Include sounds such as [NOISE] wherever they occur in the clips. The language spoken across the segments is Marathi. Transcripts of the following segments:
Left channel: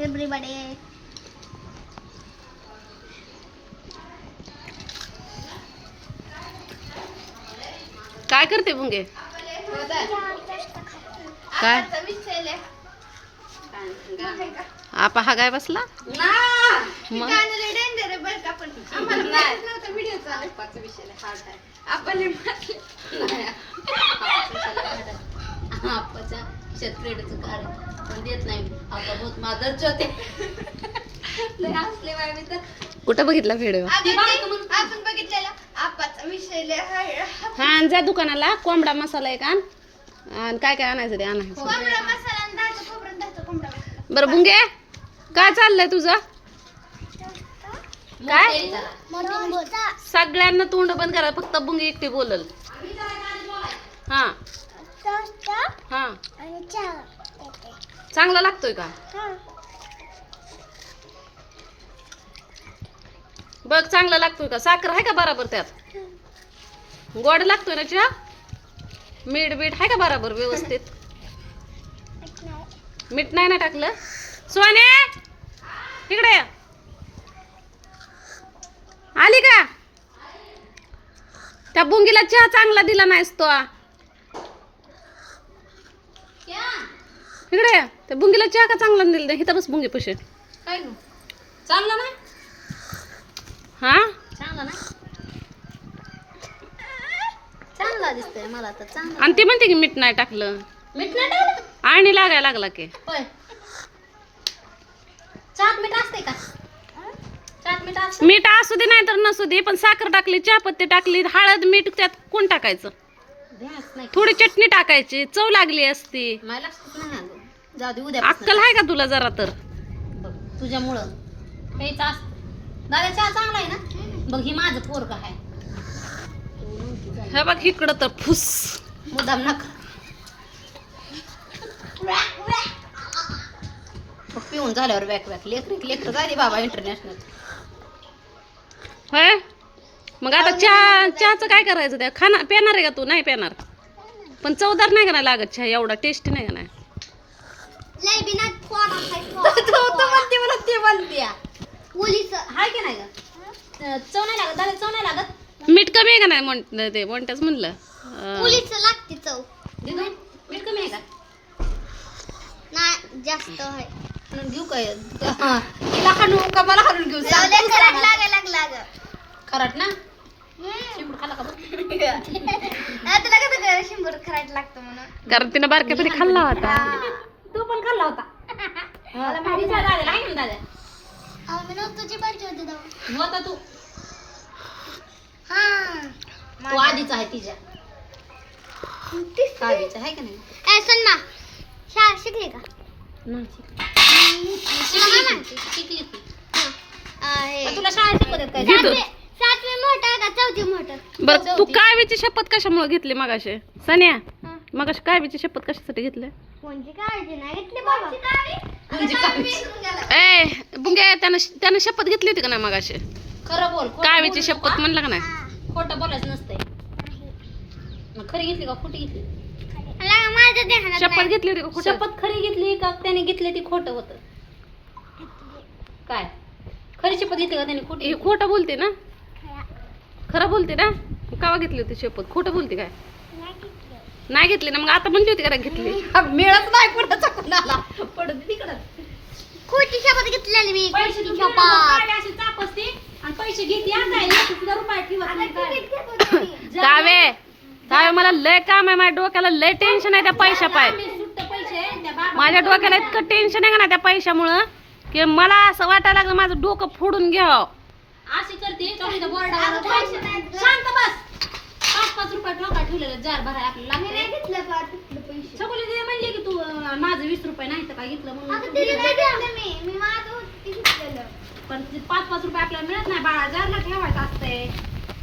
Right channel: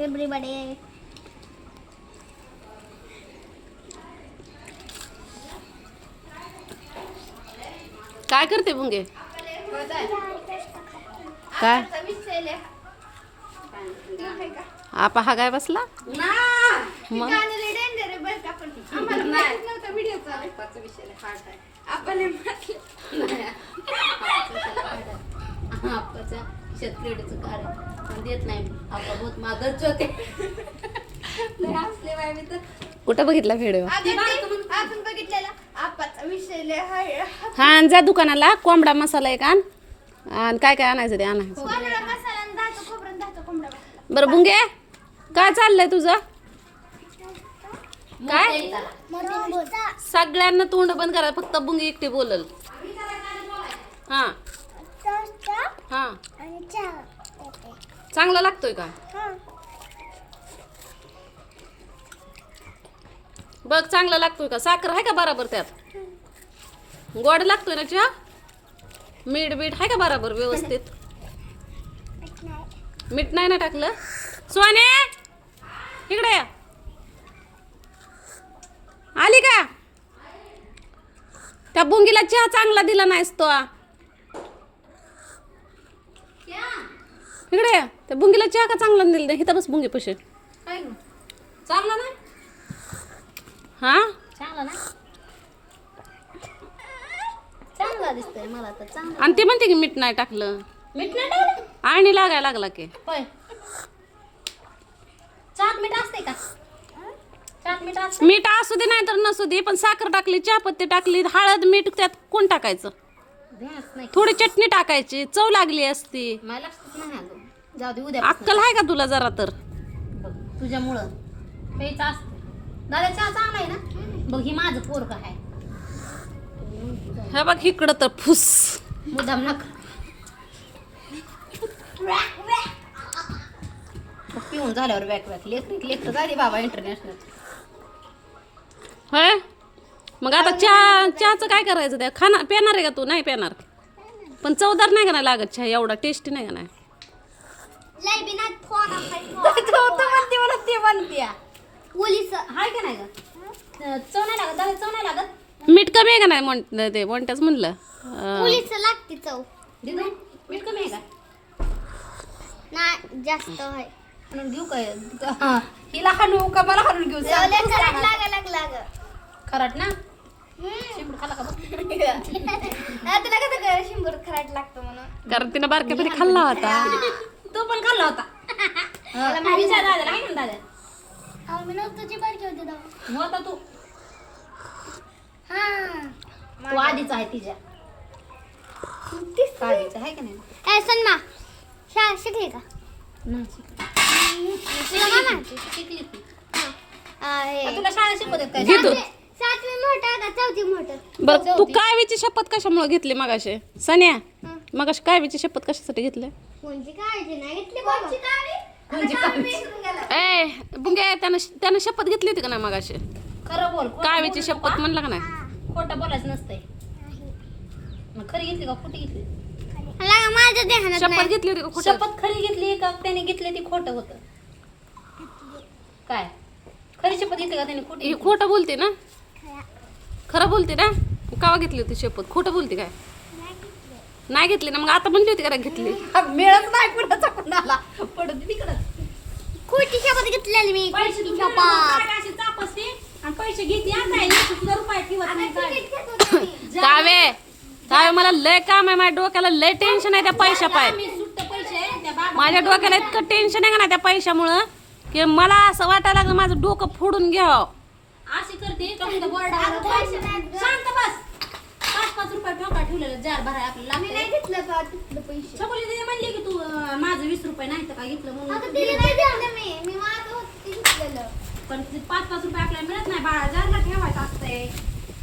everybody. काय करते बुंगे काय? आपा हा काय बसला? मग? शेतकऱ्याचं कार्ड पण देत नाही. आप्पा बहुत मादरचे होते. [LAUGHS] लय हसले बाय मी तर. कुठं बघितला व्हिडिओ आपण बघितलेला. आपाचा विषय लय हाय. हा आणि जा दुकानाला. कोंबडा मसाला एक आण. आणि काय काय आणायचं ते आणायचं कोंबडा मसाला आणि दहाचं खोबरं आणि दहाचं कोंबडा मसाला. बरं बुंगे काय चाललंय तुझं? काय. सगळ्यांना तोंड बंद करा. फक्त बुंगी एकटी बोलल. हा. हा. आणि चहा देते. चांगला लागतोय का. बघ चांगला लागतोय का? साखर आहे का बराबर त्यात? गोड लागतोय ना चहा? मीठ बीठ आहे का बराबर व्यवस्थित? मीठ नाही. ना टाकलं? सोने इकडे. आली का? त्या बुंगीला चहा चांगला दिला नाहीस तो. इकडे ये. त्या बुंगीला चहा का चांगला दिला नाही? इथं बस बुंगी पशे. काय नु? चांगलं नाही हा? चांगलं नाही चांगला दिसतोय मला तर चांगलं. आणि ती म्हणते की मीठ नाही टाकलं. मीठ नाही टाकलं आणि लागायला लागला की. होय. चाट मीठ असते का? चाट मीठ असते मीठ असू दे नाही तर नसू दे पण साखर टाकली चहापत्ती टाकली हळद मीठ त्यात कोण टाकायचं? नाही. थोडी चटणी टाकायची चव लागली असती. मला लक्षात नाही आलं. जाऊ दे उद्या अक्कल आहे का तुला जरा तर? बघ तुझ्यामुळं. प्यायचं असतं. दादा चहा चांगला आहे ना? बघ ही माझं पोरग आहे. हे बघ इकडं तर फुस. मुदाम नका पिऊन झाल्यावर बॅक बॅक लेकर लेकर झाली बाबा इंटरनॅशनल होय मग आता चहा चहाचं काय करायचं? त्या खाना पेणार आहे का तू? नाही पेणार. पण चवदार नाही का नाही लागत चहा? एवढा टेस्टी नाही का नाही? लय बिना फोन तू म्हणते मला ते म्हणते पोलीस हाय की नाही चव नाही लागत दादा चव नाही लागत? मीठ कमी आहे का नाही म्हण ते म्हणताच म्हणलं? लागते चव. मीठ कमी आहे का? नाही जास्त आहे. म्हणून घेऊ काय? हा. तिला हाणू का मला हाणून घेऊ? खराट ना? [LAUGHS] कारण तिनं बारक्यापणी खाल्ला होता. होता. विचार दादाला आहे ना दादा अहो, मी नव्हतं तुझी पाहिजे होती तेव्हा. होता तू. हा. तू आधीच आहे तिच्या आहे का नाही? ए सन्ना शाळा शिकली का? नाही शिकली. शिकली शिकली ती, शिकली ती. आहे. आ, तुला शाळा शिकवतात काय? घे तू. सातवी सातवी मोठं का चौथी मोठं? बरं तू शपथ कशामुळे घेतली मगाशी? सन्या. मगाशी कावीची शपथ कशासाठी घेतली कोणची काळजी नाही घेतली बाबा. म्हणजे? ए बुंगे त्यानं त्यानं शपथ घेतली होती का नाही मगाशी? खरं बोल खोटं कावीची बोलू शपथ नका. म्हणलं का नाही? खोटं बोलायचं नसतंय. मग खरी घेतली का खोटी घेतली? मला माझ्या ध्यानात शपथ घेतली होती का कुठं शपथ खरी घेतली का त्याने घेतली ती खोटं होतं? काय? खरी शपथ घेतली का त्याने खोटी ही खोटं बोलते ना? खरं बोलते ना? कावा घेतली होती शपथ? खोटं बोलते काय? नाही घेतली ना मग आता म्हणली होती का नाही घेतली? हा, मिळत नाही कुणाचा कुणाला. पडत तिकडं. खोटी शपथ घेतलेली मी. पैसे अशी चापसते आणि पैसे घेते आता एक सुद्धा रुपये ठेवत नाही काय. कावे कावे मला लय काम आहे माझ्या डोक्याला लय टेन्शन आहे त्या पैशा पाय आम्ही सुट्ट पैसे त्या बाबा माझ्या डोक्याला इतकं टेन्शन आहे का ना त्या पैशामुळं की मला असं वाटायला लागलं माझं डोकं फोडून घ्यावं. अशी करते बोर्डावर पैसे. शांत बस. पाच रुपये टोका ठेवलेलं जार भराय आपल्याला मी नाही घेतलं का तिथलं पैसे. सगळे तिथे म्हणले की तू अं, माझं वीस रुपये नाही तर काय घेतलं अगं म्हणून तिला नाही घेतलं मी. मी माझं होतं ते घेतलेलं. पण ते पाच पाच रुपये आपल्याला मिळत नाही. बाळा जारला ठेवायचं असतंय.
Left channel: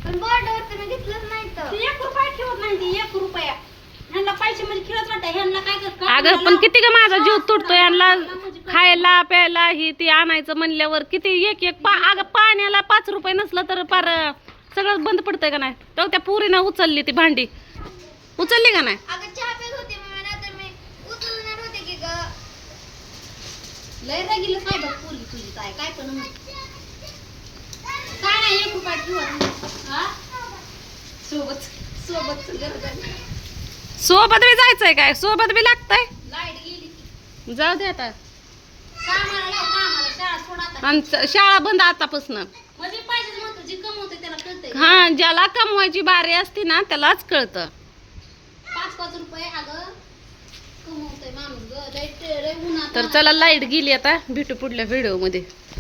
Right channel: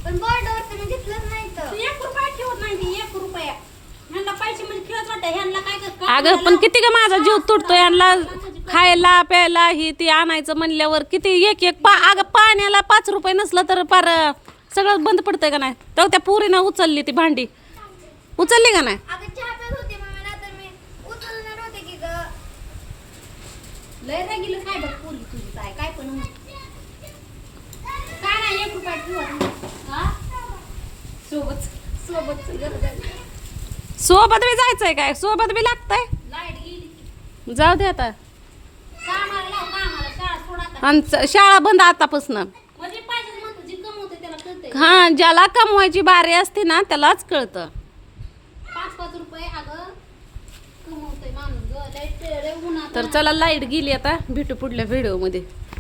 पण बोर्डावर तर मी घेतलंच नाही तू तर एक रुपया ठेवत नाही ती एक रुपया. ह्यांना पैसे म्हणजे खेळत वाटतं. ह्यांना काय कर- काय अगं पण? किती का माझा जीव तुटतो यांना खायला प्यायला ही ती आणायचं म्हणल्यावर किती एक एक पा अगं पाण्याला पाच रुपये नसलं तर फार सगळं बंद पडतंय का नाही? तेव्हा त्या पुरीनं उचलली ती भांडी. उचलली का नाही? अगं चहा पेत होते मग नंतर मी उचलणार होते की ग. लय रागिलं काय बघ पोरगी तुझी काय काय पण म्हण. काय नाही एक रुपया ठेवा हा? सोबत सोबत गरज आहे सोबत बी जायचंय काय? सोबत बी लागतंय? लाइट गेली की. जाऊ दे आता. कामाला लाव कामाला. शाळा सोड आता. आणि च- शाळा बंद आतापासून म्हणजे पाहिजे म्हणतो जी कमवते त्याला कळतंय हा ज्याला कमवायची बारी असते ना त्यालाच कळतं. पाच पाच रुपये अगं. कमवतोय माणूस ग. लय लय उन्हात तर चला लाइट गेली आता. भेटू पुढल्या व्हिडिओमध्ये